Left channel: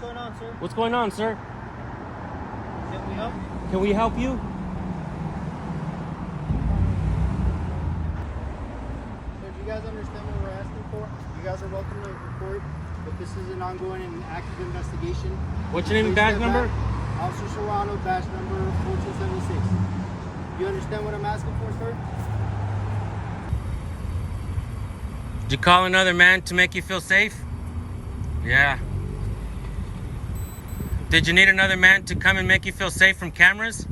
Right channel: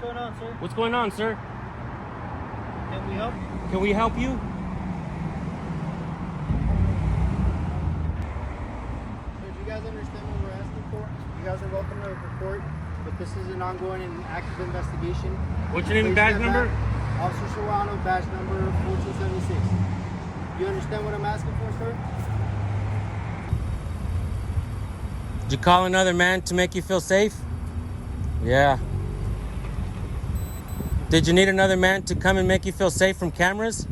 going on, sir? What's going on, sir? Can we help? Can we help you? Sir, do you guys understand what we're asking for? You guys are welcome to report, but this is an ongoing and active investigation. What's your name and badge number? Officer Serrano, badge number 1476. You understand what I'm asking for, sir? Did you call another man to make you feel safe? Yeah. Did you need another man to come and make you feel safe from cameras?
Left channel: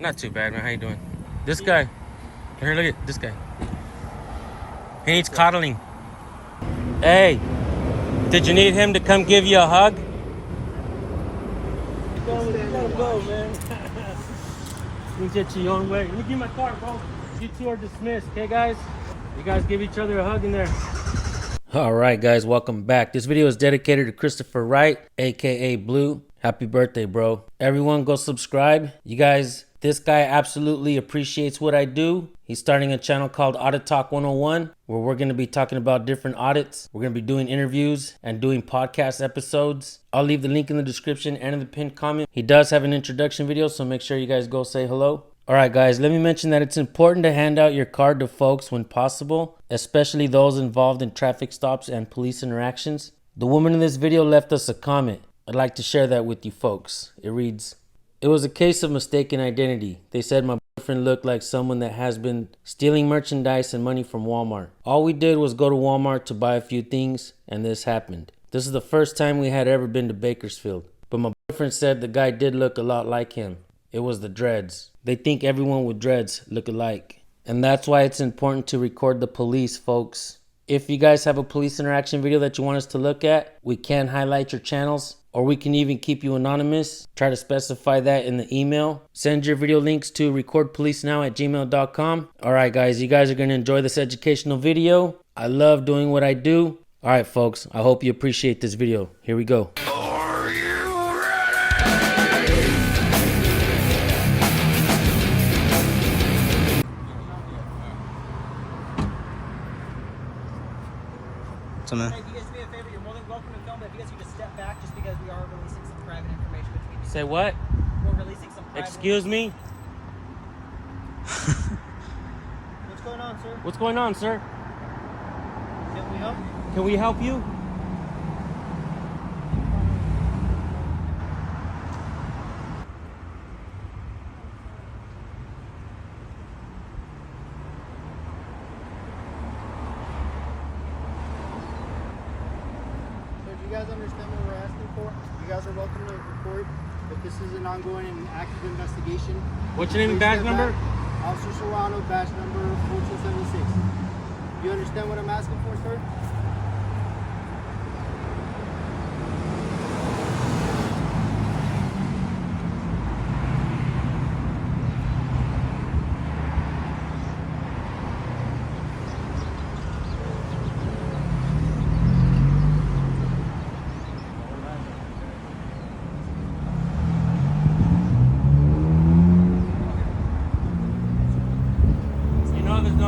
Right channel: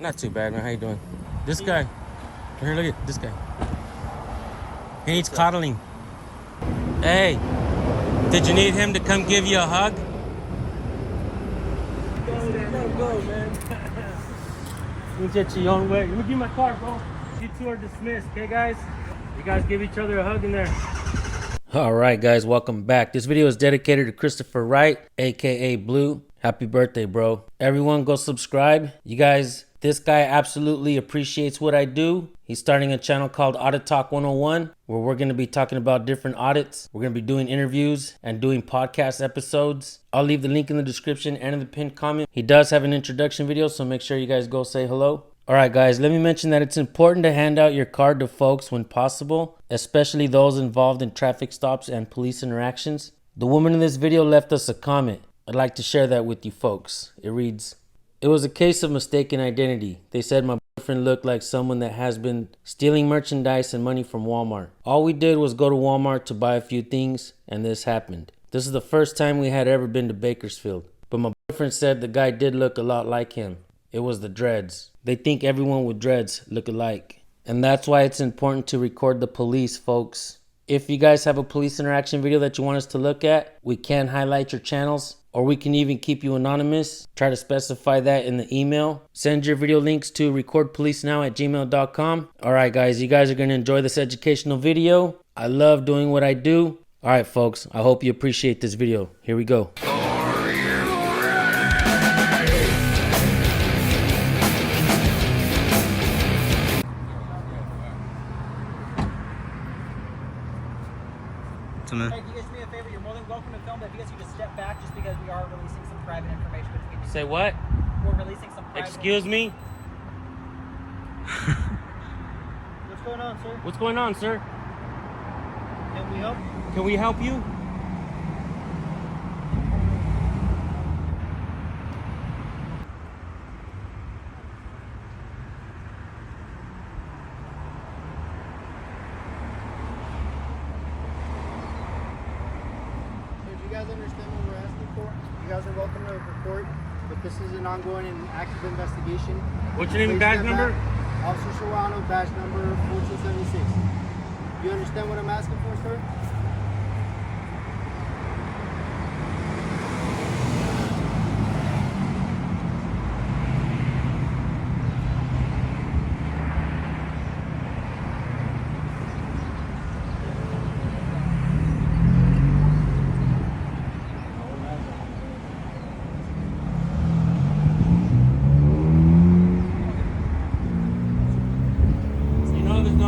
Not too bad, man. How you doing? This guy. Here, look at this guy. He needs coddling. Hey, did you need him to come give you a hug? Go, man. You get your own way. Let me get my car, come on. You two are dismissed, okay, guys? You guys give each other a hug in there. All right, guys, welcome back. This video is dedicated to Christopher Wright, aka Blue. Happy birthday, bro. Everyone go subscribe. You guys, this guy absolutely appreciates what I do. He's starting a channel called Audit Talk 101, where we're going to be talking about different audits. We're going to be doing interviews and doing podcast episodes. I'll leave the link in the description and in the pinned comment. He does have an introduction video, so make sure you guys go say hello. All right, guys, let me mention that it's important to hand out your card to folks when possible, especially those involved in traffic stops and police interactions. The woman in this video left us a comment. I'd like to share that with you folks. It reads, "It was a case of mistaken identity. They said my boyfriend looked like someone that has been stealing merchandise and money from Walmart. All we did was go to Walmart to buy a few things, and this happened. This is the first time we had ever been to Bakersfield. But my boyfriend said the guy did look a lot like him. It was the dreads. They think everyone with dreads look alike. And that's why it's important to record the police, folks. If you guys have a police interaction video that you want us to look at, we can highlight your channels, or we can even keep you anonymous. Try to specify that in the email. Send your video links to recordpolicenow@gmail.com. All right, guys, you guys are going to enjoy this educational video. I love doing what I do. All right, folks, I hope you appreciate this video. Here we go. Hey, can you guys do me a favor? You're more than welcome to film, but if you guys could just step back just because we are releasing some private information between you. Say what? We're releasing some private Excuse me? What's going on, sir? What's going on, sir? Can we help? Can we help you? You guys understand what we're asking for? You guys are welcome to report, but this is an ongoing and active investigation. What's your name and badge number? Officer Serrano, badge number 1476. You understand what I'm asking for, sir?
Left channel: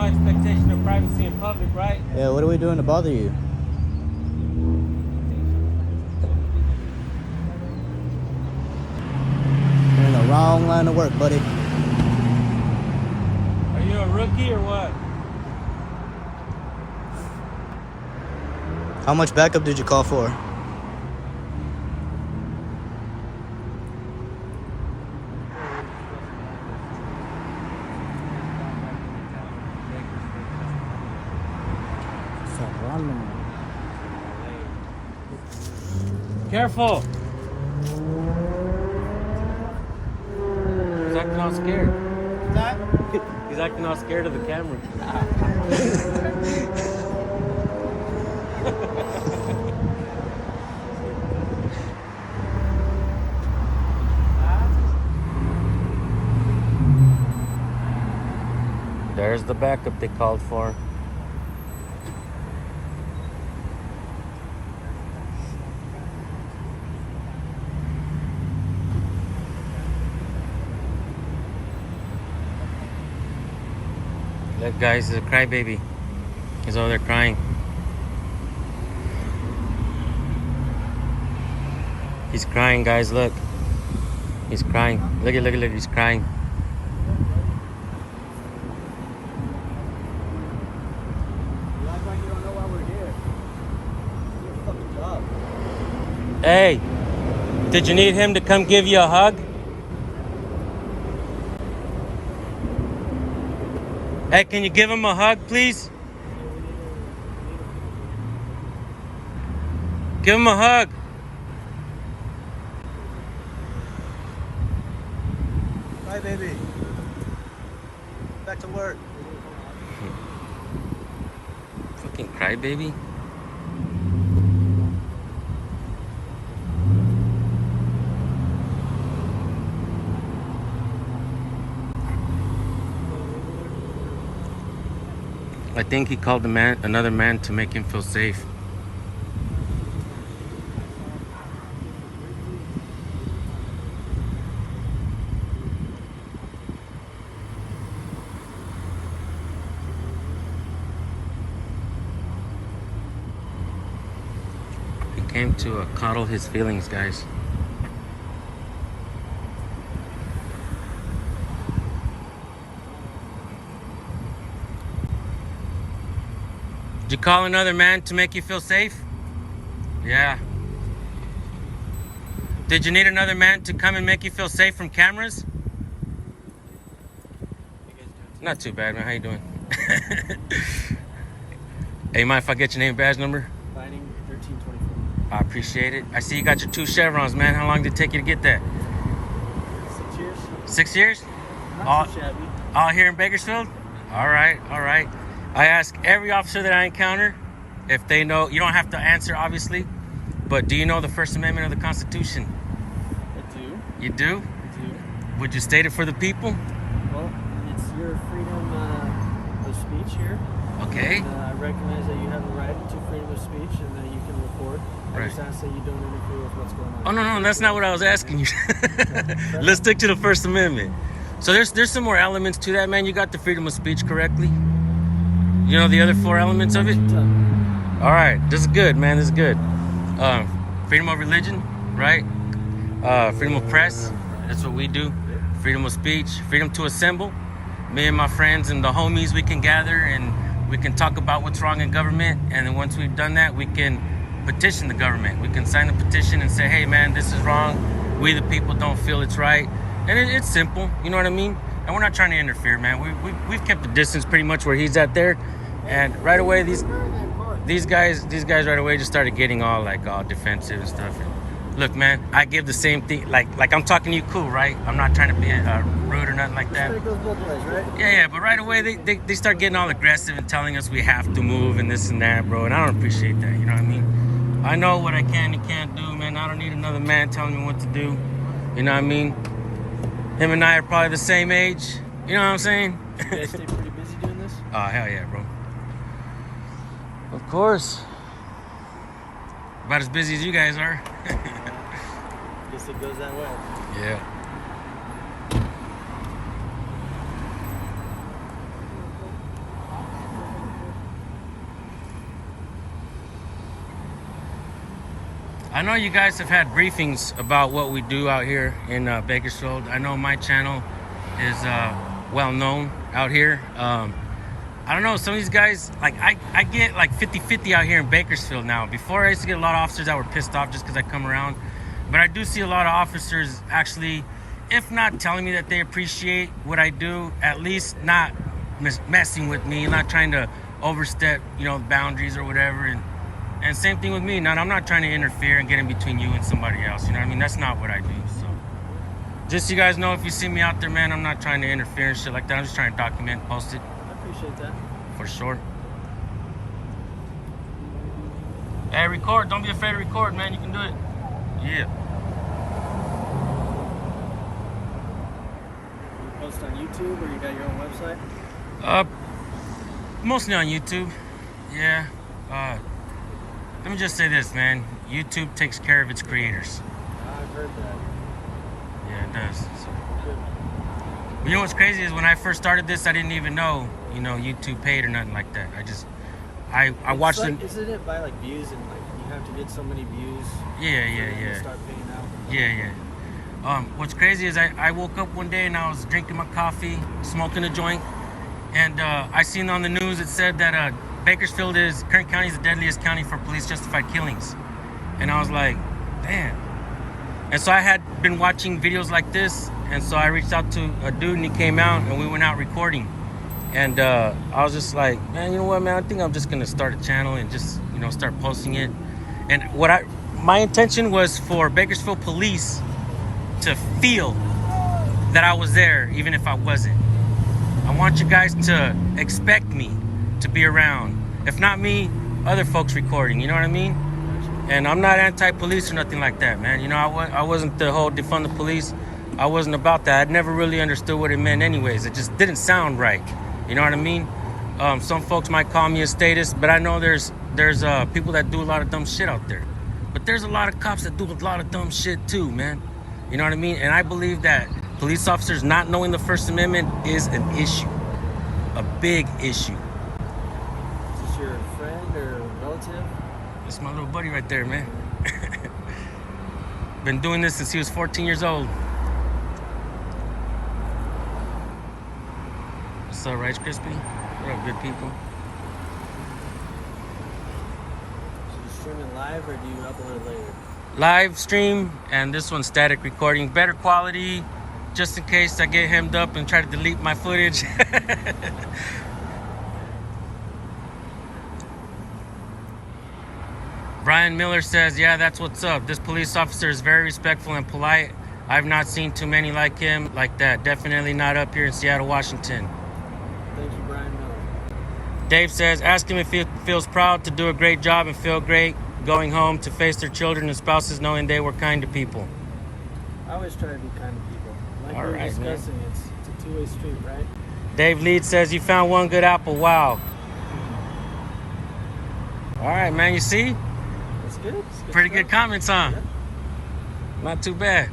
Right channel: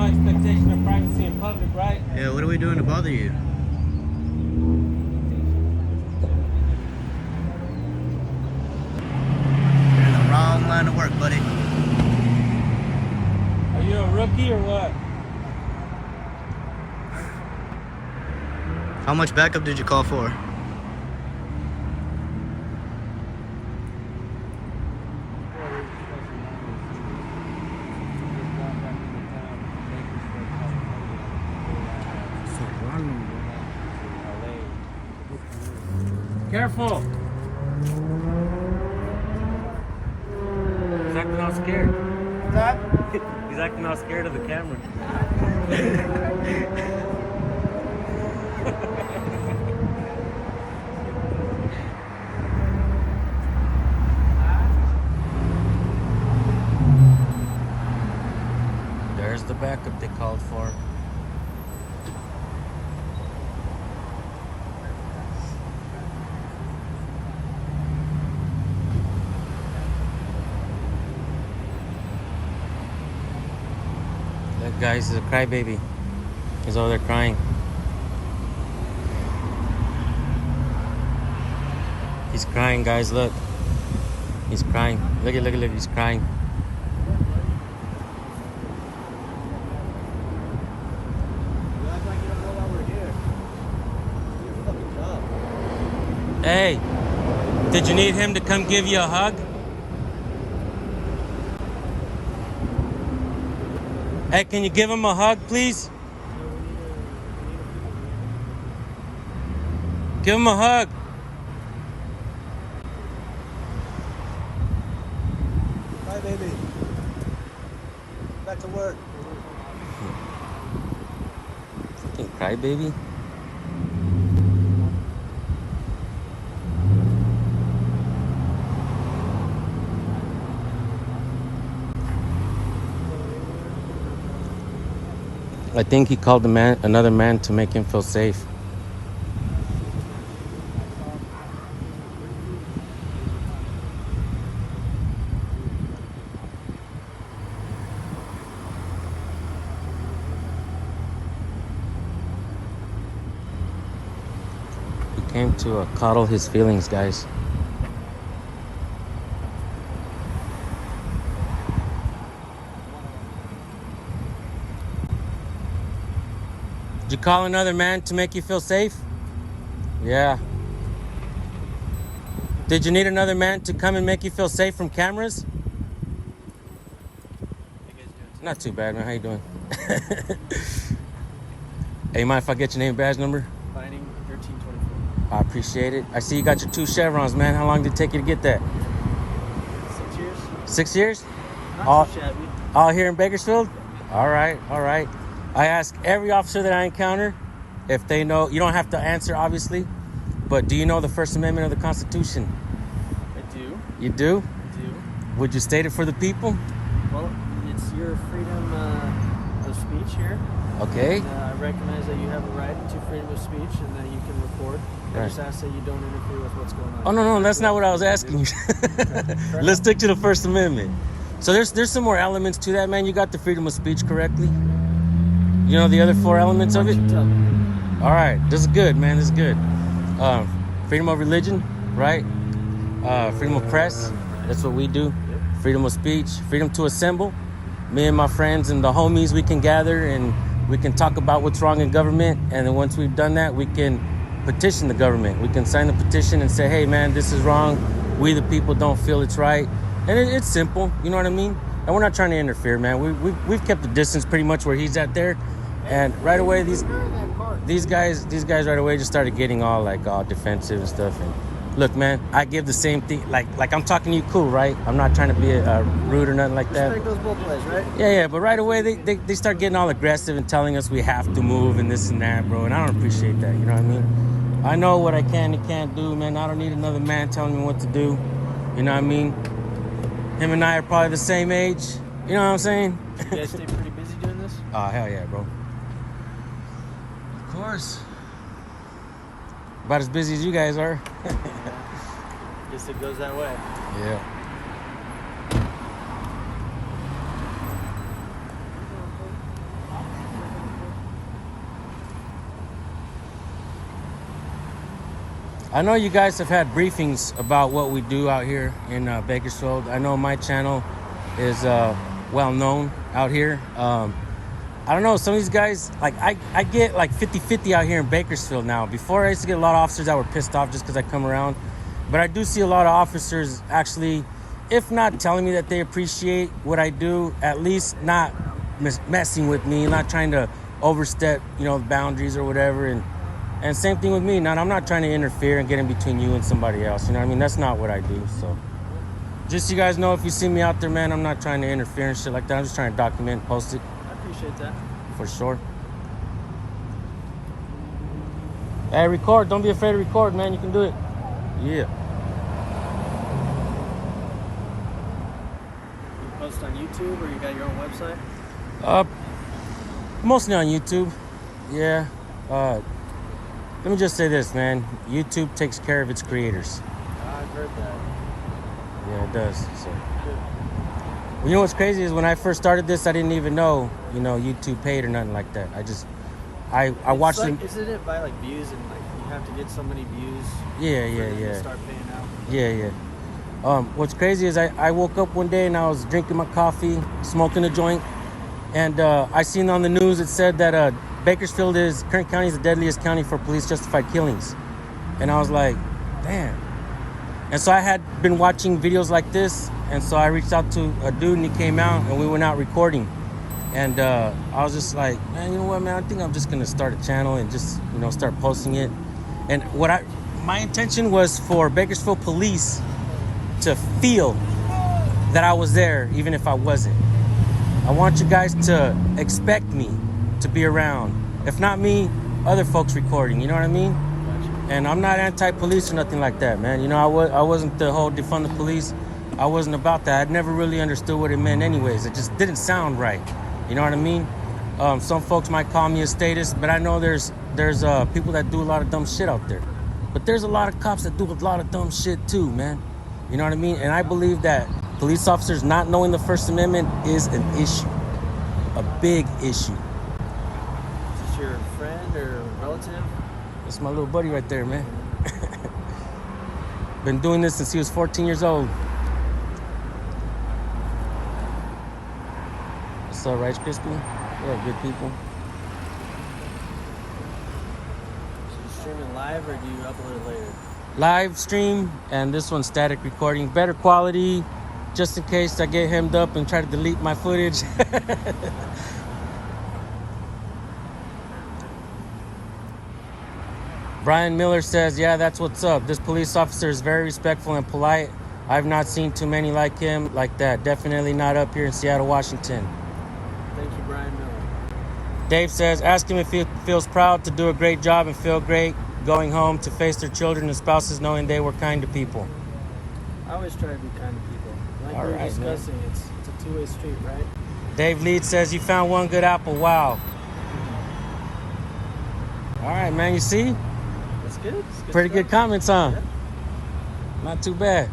Expectation of privacy in public, right? Yeah, what are we doing to bother you? You're in the wrong line of work, buddy. Are you a rookie or what? How much backup did you call for? Careful! He's acting all scared. What's that? He's acting all scared of the camera. There's the backup they called for. That guy's a crybaby. He's over there crying. He's crying, guys. Look. He's crying. Look, he's crying. You act like you don't know why we're here. Do your fucking job. Hey, did you need him to come give you a hug? Hey, can you give him a hug, please? Give him a hug. Bye, baby. Back to work. Fucking crybaby. I think he called another man to make him feel safe. He came to coddle his feelings, guys. Did you call another man to make you feel safe? Yeah. Did you need another man to come and make you feel safe from cameras? Not too bad, man. How you doing? Hey, mind if I get your name and badge number? Finding 1324. I appreciate it. I see you got your 2 chevrons, man. How long did it take you to get that? 6 years. 6 years? Not too shabby. All here in Bakersfield? All right, all right. I ask every officer that I encounter if they know. You don't have to answer, obviously, but do you know the First Amendment of the Constitution? I do. You do? I do. Would you state it for the people? Well, it's your freedom of speech here. Okay. And, I recognize that you have a right to freedom of speech and that you can record. I Right. just ask that you don't interfere with what's going on. Oh, no, that's not what I was asking you. Let's stick to the First Amendment. So there's some more elements to that, man. You got the freedom of speech correctly? You know the other 4 elements of it? Tell me. All right, this is good, man. This is good. Freedom of religion, right? Freedom of press. That's what we do. Freedom of speech. Freedom to assemble. Me and my friends and the homies, we can gather and we can talk about what's wrong in government. And then once we've done that, we can petition the government. We can sign the petition and say, hey, man, this is wrong. We, the people, don't feel it's right. And it's simple. You know what I mean? And we're not trying to interfere, man. We've kept the distance pretty much where he's at there. And right away, these guys right away just started getting all defensive and stuff. And look, man, I give the same thing. Like I'm talking to you, cool, right? I'm not trying to be rude or nothing like that. Respect goes both ways, right? Yeah. But right away, they start getting all aggressive and telling us we have to move and this and that, bro. And I don't appreciate that. You know what I mean? I know what I can and can't do, man. I don't need another man telling me what to do. You know what I mean? Him and I are probably the same age. You know what I'm saying? You guys stay pretty busy doing this? Oh, hell yeah, bro. Of course. About as busy as you guys are. Yeah. Guess it goes that way. Yeah. I know you guys have had briefings about what we do out here in Bakersfield. I know my channel is well known out here. I don't know, some of these guys, like I get like 50-50 out here in Bakersfield now. Before I used to get a lot of officers that were pissed off just because I come around. But I do see a lot of officers actually, if not telling me that they appreciate what I do, at least not messing with me, not trying to overstep, the boundaries or whatever. And same thing with me. Now, I'm not trying to interfere and get in between you and somebody else. You know what I mean? That's not what I do. So just so you guys know, if you see me out there, man, I'm not trying to interfere and shit like that. I'm just trying to document and post it. I appreciate that. For sure. Hey, record. Don't be afraid to record, man. You can do it. Yeah. You post on YouTube or you got your own website? Mostly on YouTube. Yeah. Let me just say this, man. YouTube takes care of its creators. I've heard that. Yeah, it does. So. Good. Well, you know what's crazy is when I first started this, I didn't even know, YouTube paid or nothing like that. I watched them. Isn't it by like views and like you have to get so many views. Yeah, for yeah, them to yeah. start paying out. Yeah, yeah. What's crazy is I woke up one day and I was drinking my coffee, smoking a joint, and I seen on the news it said that Bakersfield Kern County is the deadliest county for police justified killings. And I was like, damn. And so I had been watching videos like this, and so I reached out to a dude and he came out and we went out recording. And I was just like, man, you know what, man? I think I'm just gonna start a channel and just, start posting it. And my intention was for Bakersfield police to feel that I was there, even if I wasn't. I want you guys to expect me to be around. If not me, other folks recording, you know what I mean? And I'm not anti-police or nothing like that, man. I wasn't the whole defund the police. I wasn't about that. I'd never really understood what it meant anyways. It just didn't sound right. You know what I mean? Some folks might call me a statist, but I know there's people that do a lot of dumb shit out there. But there's a lot of cops that do a lot of dumb shit too, man. You know what I mean? And I believe that police officers not knowing the First Amendment is an issue. A big issue. Is this your friend or relative? It's my little buddy right there, man. Been doing this since he was 14 years old. What's up, Rice Krispie? What up, good people? So you streaming live or do you upload it later? Live stream, and this one's static recording. Better quality, just in case I get hemmed up and try to delete my footage. Brian Miller says, yeah, that's what's up. This police officer is very respectful and polite. I've not seen too many like him like that. Definitely not up here in Seattle, Washington. Thank you, Brian Miller. Dave says, ask him if he feels proud to do a great job and feel great going home to face their children and spouses knowing they were kind to people. I always try to be kind to people. Like All we were right, discussing, it's a two-way street, right? Dave Lead says, you found one good apple. Wow. All right, man, you see? That's good. It's good Pretty stuff. good comments, huh? Yeah. Not too bad.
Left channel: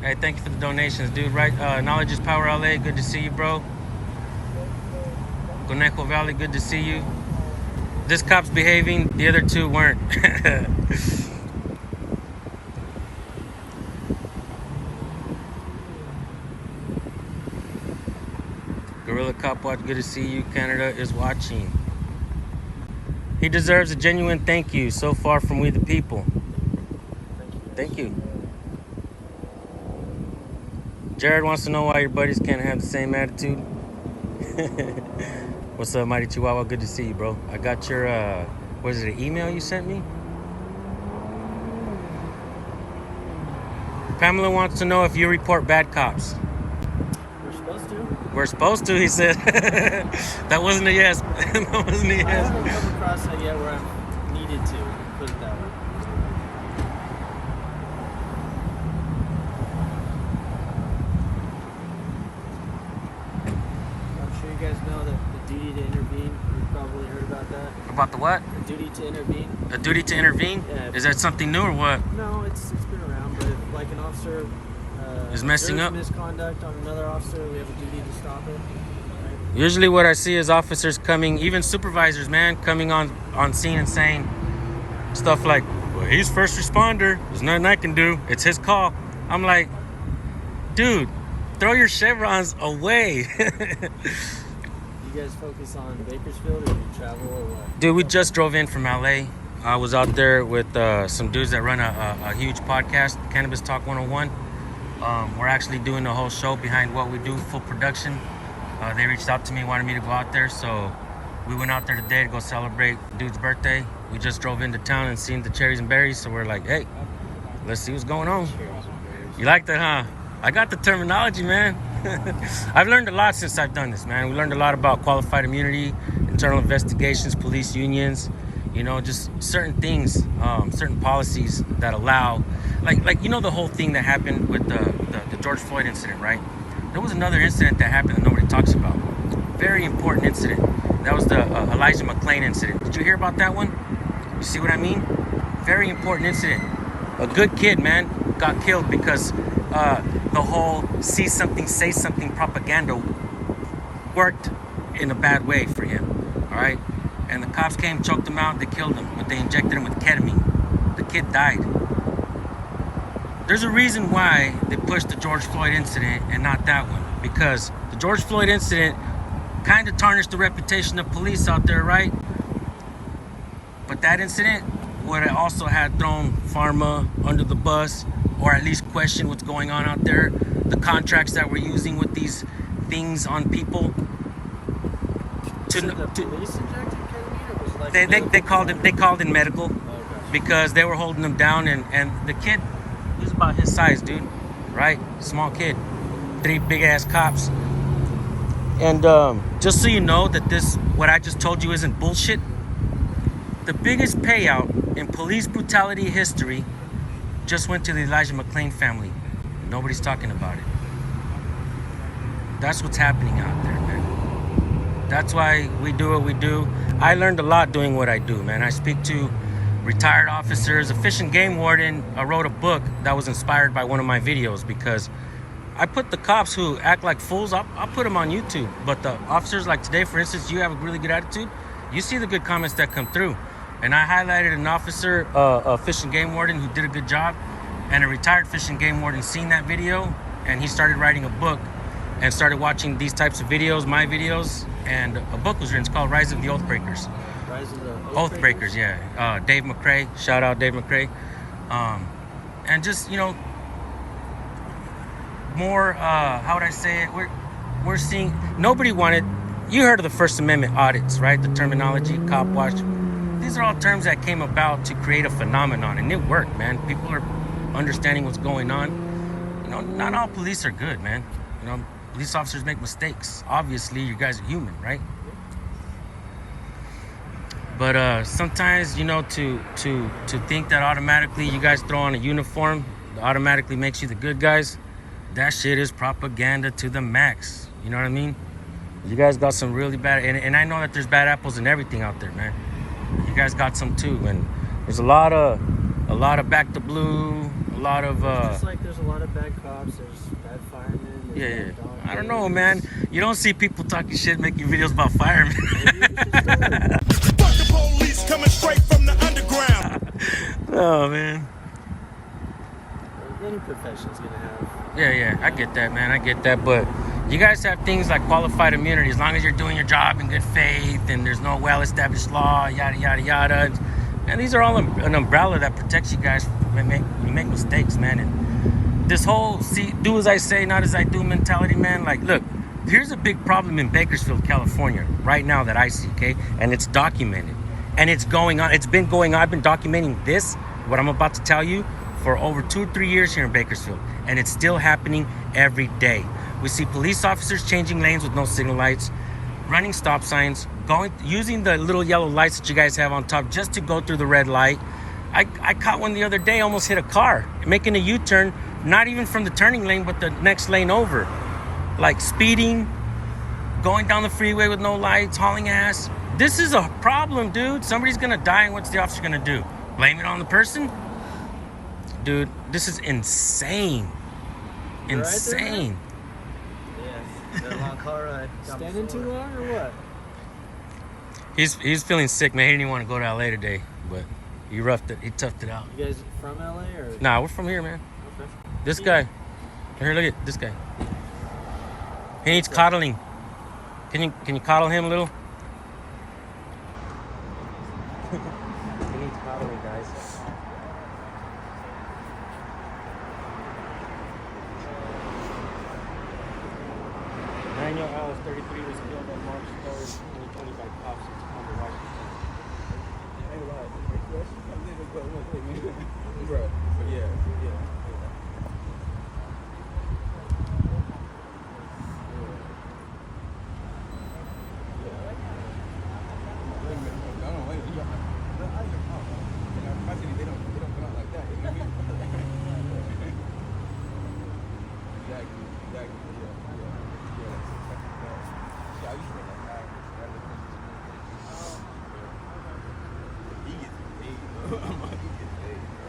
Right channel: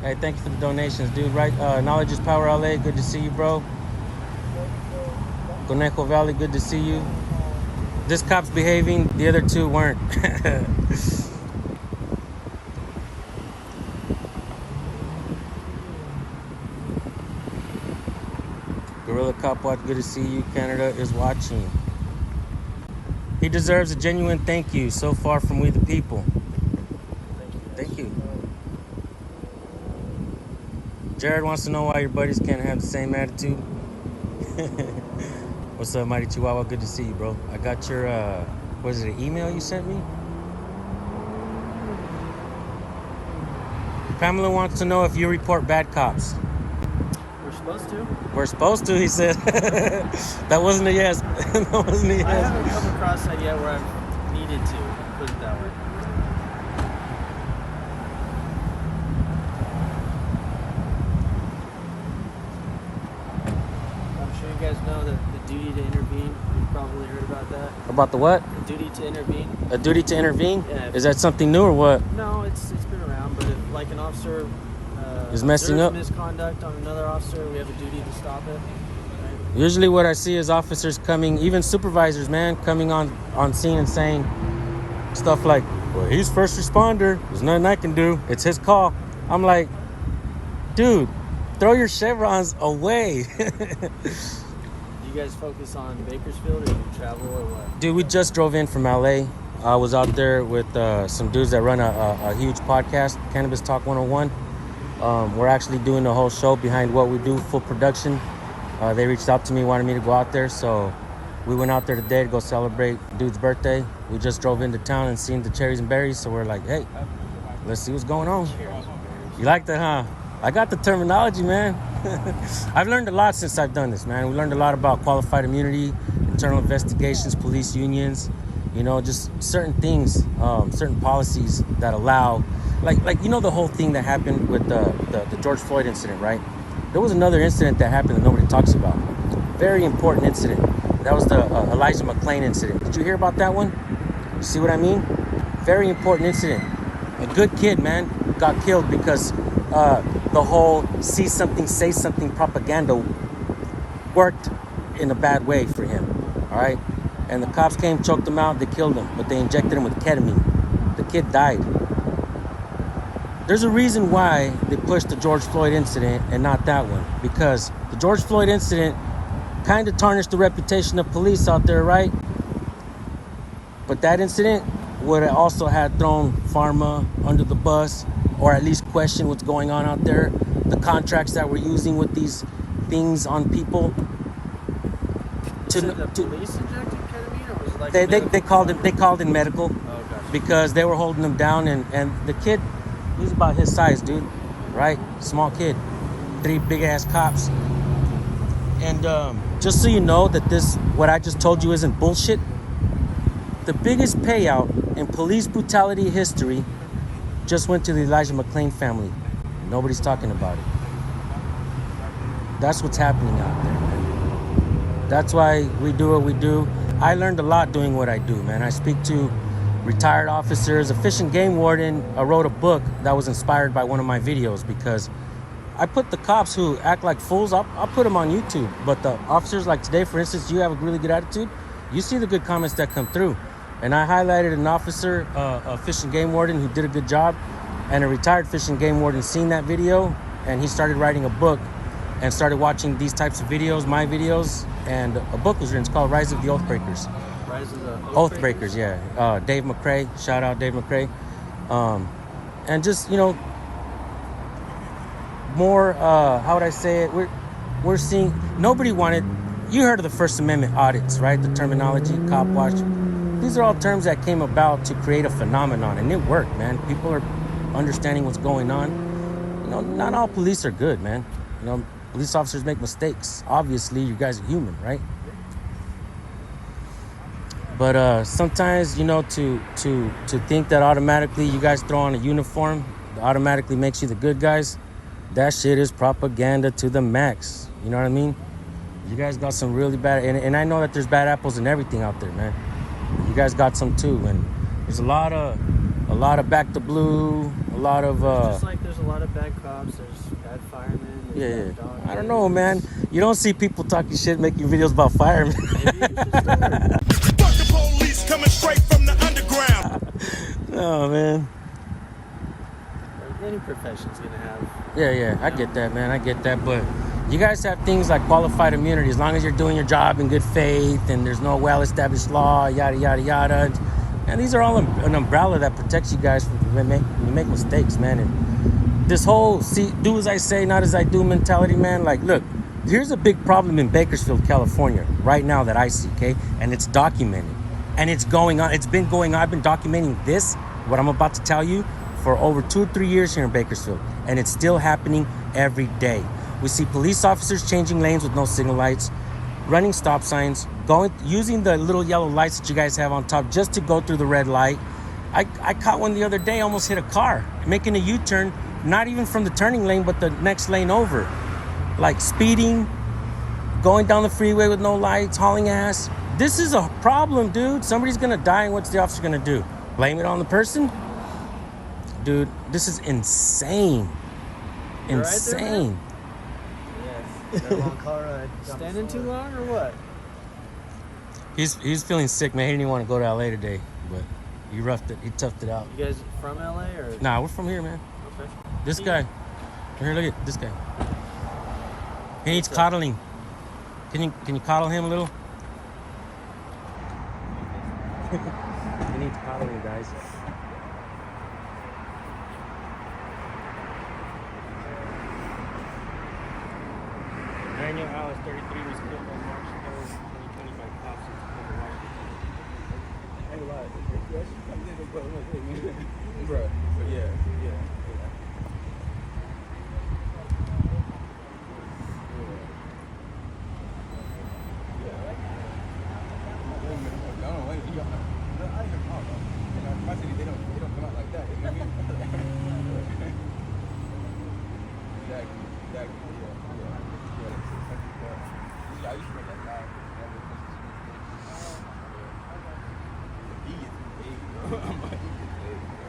Hey, thank you for the donations, dude. Right, Knowledge is Power LA, good to see you, bro. Conejo Valley, good to see you. This cop's behaving, the other two weren't. Gorilla Cop Watch, good to see you. Canada is watching. He deserves a genuine thank you so far from we the people. Thank you. Thank you. Jared wants to know why your buddies can't have the same attitude. What's up, Mighty Chihuahua? Good to see you, bro. I got your, was it an email you sent me? Pamela wants to know if you report bad cops. We're supposed to. We're supposed to, he said. That wasn't a yes. That wasn't a I yes. haven't come across that yet where I've needed to, put it that way. I'm sure you guys know that the duty to intervene, you've probably heard about that. About the what? The duty to intervene. A duty to intervene? Yeah. Is that something new or what? No, it's been around, but if, like, an officer Is messing observes up? misconduct on another officer, we have a duty to stop it. Right? Usually what I see is officers coming, even supervisors, man, coming on scene and saying stuff like, well, he's first responder. There's nothing I can do. It's his call. I'm like, dude, throw your chevrons away. You guys focus on Bakersfield, or do you travel, or what? Dude, we just drove in from LA. I was out there with some dudes that run a huge podcast, Cannabis Talk 101. We're actually doing the whole show behind what we do, full production. They reached out to me, wanted me to go out there, so we went out there today to go celebrate dude's birthday. We just drove into town and seen the cherries and berries, so we're like, hey, let's see what's going on. You like that, huh? I got the terminology, man. I've learned a lot since I've done this, man. We learned a lot about qualified immunity, internal investigations, police unions, just certain things, certain policies that allow, like the whole thing that happened with the George Floyd incident, right? There was another incident that happened that nobody talks about. Very important incident. That was the Elijah McClain incident. Did you hear about that one? You see what I mean? Very important incident. A good kid, man, got killed because the whole see something, say something propaganda worked in a bad way for him. All right? And the cops came, choked him out, they killed him, but they injected him with ketamine. The kid died. There's a reason why they pushed the George Floyd incident and not that one. Because the George Floyd incident kind of tarnished the reputation of police out there, right? But that incident would have also had thrown pharma under the bus, or at least questioned what's going on out there. The contracts that we're using with these things on people. So the police injected ketamine, or was it like They called in medical. Oh, okay. Because they were holding him down, and the kid, he's about his size, dude, right? Small kid, 3 big ass cops. And just so you know that what I just told you isn't bullshit, the biggest payout in police brutality history just went to the Elijah McClain family. Nobody's talking about it. That's what's happening out there, man. That's why we do what we do. I learned a lot doing what I do, man. I speak to retired officers. A fish and game warden wrote a book that was inspired by one of my videos, because I put the cops who act like fools, I'll put them on YouTube. But the officers, like today, for instance, you have a really good attitude, you see the good comments that come through. And I highlighted an officer, a fish and game warden who did a good job, and a retired fish and game warden seen that video, and he started writing a book and started watching these types of videos, my videos, and a book was written. It's called Rise of the Oathbreakers. Rise of the Oathbreakers, yeah. Dave McCrae, shout out Dave McCrae. And just, you know, more, how would I say it? We're seeing, nobody wanted, you heard of the First Amendment audits, right? The terminology, cop watch. These are all terms that came about to create a phenomenon, and it worked, man. People are understanding what's going on. You know, not all police are good, man. You know, police officers make mistakes. Obviously, you guys are human, right? But sometimes, you know, to think that automatically you guys throw on a uniform that automatically makes you the good guys, that shit is propaganda to the max. You know what I mean? You guys got some really bad, and I know that there's bad apples and everything out there, man. You guys got some too, and there's a lot of back to blue, a lot of just like there's a lot of bad cops, there's bad firemen, there's bad doctors. I don't know, man. You don't see people talking shit making videos about firemen. Maybe you should start. Fuck the police coming straight from the underground. Oh, man. Any profession's gonna have. Yeah, I get that, man. I get that, but you guys have things like qualified immunity as long as you're doing your job in good faith and there's no well-established law, yada yada yada. And these are all an umbrella that protects you guys when you make mistakes, man. And this whole do as I say, not as I do mentality, man. Like, look, here's a big problem in Bakersfield, California, right now that I see, okay? And it's documented, and it's going on. It's been going on. I've been documenting this, what I'm about to tell you, for over 2 or 3 years here in Bakersfield, and it's still happening every day. We see police officers changing lanes with no signal lights, running stop signs, using the little yellow lights that you guys have on top just to go through the red light. I caught one the other day, almost hit a car, making a U-turn, not even from the turning lane, but the next lane over. Like speeding, going down the freeway with no lights, hauling ass. This is a problem, dude. Somebody's gonna die, and what's the officer gonna do? Blame it on the person? Dude, this is insane. Insane. Standing too long or what? He's feeling sick, man. He didn't even want to go to LA today, but he toughed it out. You guys from LA or? Nah, we're from here, man. Okay. This guy. Here, look at this guy. He needs coddling. Can you coddle him a little? He needs coddling, guys. Bro, but yeah. They don't come out like that. You know what I mean? Exactly. Yeah. I used to know that guy. He gets paid, bro. He gets paid, bro.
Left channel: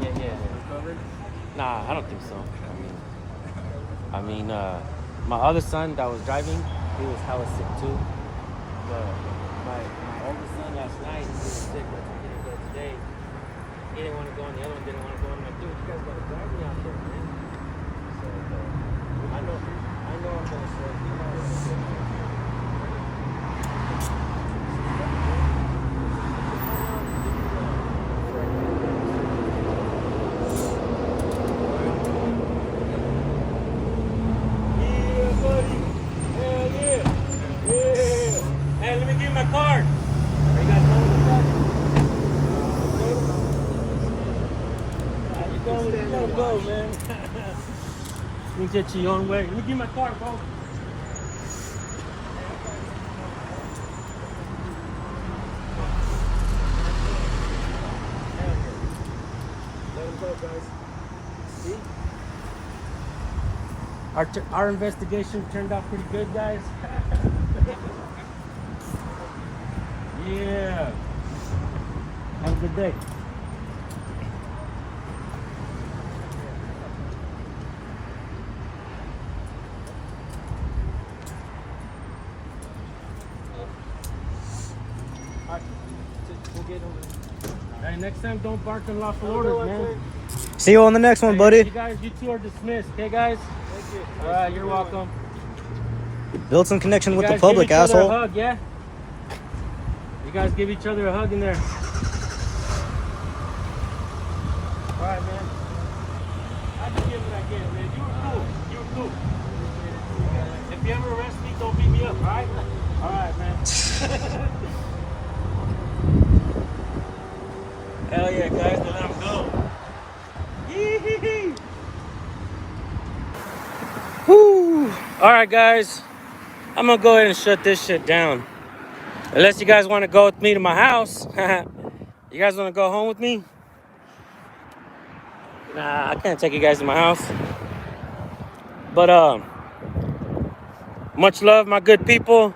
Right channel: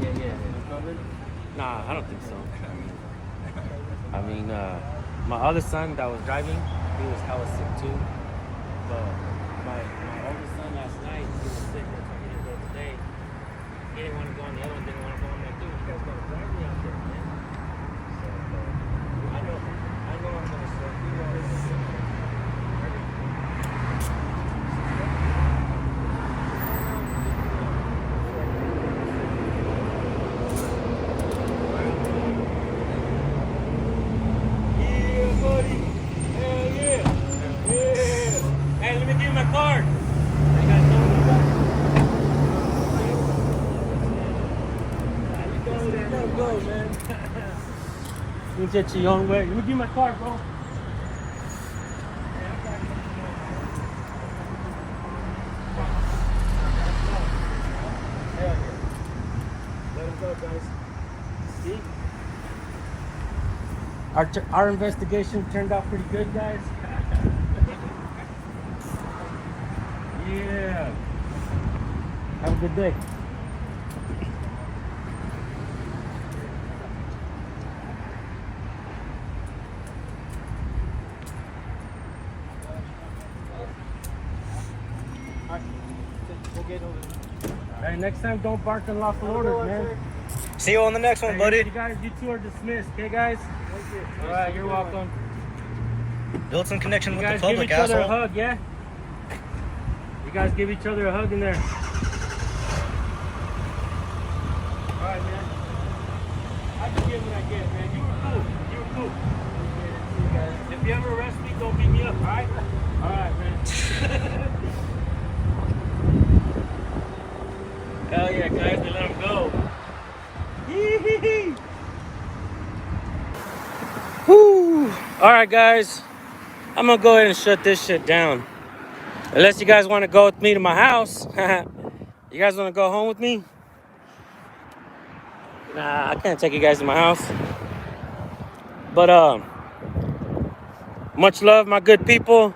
Yeah. Uncovered? Nah, I don't think so. My other son that was driving, he was hella sick too. But my older son last night, he was sick. He didn't go today. He didn't want to go on the other one. Didn't want to go on my dude. You guys gotta drive me out there, man. So I know I'm gonna say, you know, go, man. You get your own way. Let me get my car, bro. See? Our investigation turned out pretty good, guys. Yeah. Have a good day. We'll get over there. Hey, next time don't bark unlawful orders, man. See you on the next one, Hey, buddy. you two are dismissed, okay, guys? Thank you. All right, you're welcome. Build some connection You with the guys public, give each other asshole. a hug, yeah? You guys give each other a hug in there. All right, man. I can give what I get, man. You were cool. You were cool. If you ever arrest me, don't beat me up, all right? All right, man. Hell yeah, guys. They let him go. Yee-hee-hee. Woo. All right, guys. I'm going to go ahead and shut this shit down. Unless you guys want to go with me to my house. You guys want to go home with me? Nah, I can't take you guys to my house. But much love, my good people.